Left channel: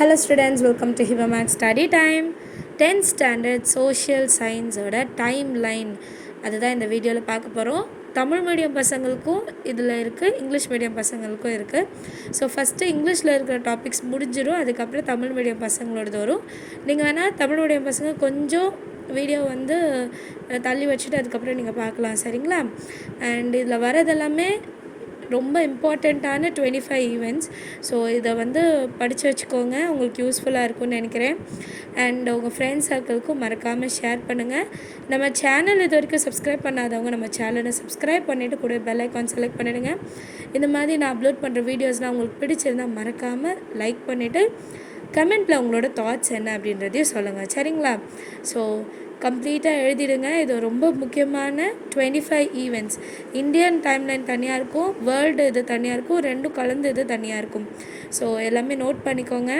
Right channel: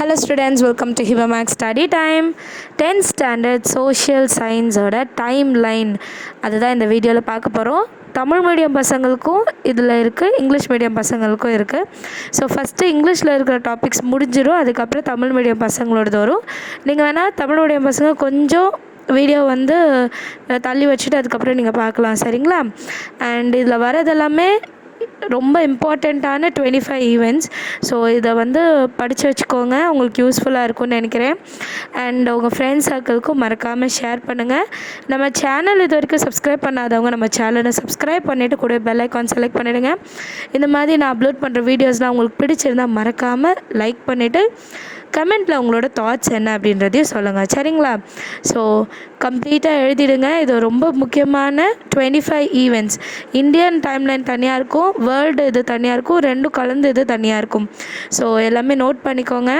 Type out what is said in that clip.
Hello students, welcome to Hiba Max Study Time. 10th Standard Social Science ஓட டைம்லைன் அதுதான் இந்த வீடியோவில் பார்க்க போகிறோம். தமிழ் மீடியம் பசங்களுக்கும் இதில் இருக்குது, இங்கிலீஷ் மீடியம் பசங்களுக்கும் இருக்குது. ஸோ ஃபஸ்ட்டு இங்கிலீஷில் இருக்கிற டாபிக்ஸ் முடிஞ்சிடும், அதுக்கப்புறம் தமிழ் மீடியம் பசங்களோடது வரும். நீங்கள் வேணால் தமிழ் மீடியம் பசங்க கொஞ்சம் வீடியோ வந்து தள்ளி வச்சுட்டு அதுக்கப்புறம் நீங்கள் பார்க்கலாம், சரிங்களா? அண்ட் இதில் வரதெல்லாமே ரொம்ப இம்பார்ட்டண்ட்டான 25 ஈவெண்ட்ஸ். ஸோ இதை வந்து படித்து வச்சுக்கோங்க, உங்களுக்கு யூஸ்ஃபுல்லாக இருக்கும்னு நினைக்கிறேன். அண்ட் உங்கள் ஃப்ரெண்ட்ஸ் சர்க்கிளுக்கும் மறக்காமல் ஷேர் பண்ணுங்கள். நம்ம சேனல் இது வரைக்கும் சப்ஸ்கிரைப் பண்ணாதவங்க நம்ம சேனலை சப்ஸ்கிரைப் பண்ணிவிட்டு கூட பெல் ஐக்கான் செலக்ட் பண்ணிவிடுங்க. இந்த மாதிரி நான் அப்லோட் பண்ணுற வீடியோஸ்லாம் உங்களுக்கு பிடிச்சிருந்தால் மறக்காமல் லைக் பண்ணிவிட்டு கமெண்ட்டில் உங்களோட தாட்ஸ் என்ன அப்படின்றதையும் சொல்லுங்கள், சரிங்களா? ஸோ கம்ப்ளீட்டாக எழுதிடுங்க. இது ரொம்ப முக்கியமான 25 ஈவெண்ட்ஸ். இந்தியன் டைம்லைன் தனியாக இருக்கும், வேர்ல்டு இது தனியாக இருக்கும், ரெண்டும் கலந்து இது தனியாக இருக்கும். ஸோ எல்லாமே நோட் பண்ணிக்கோங்க.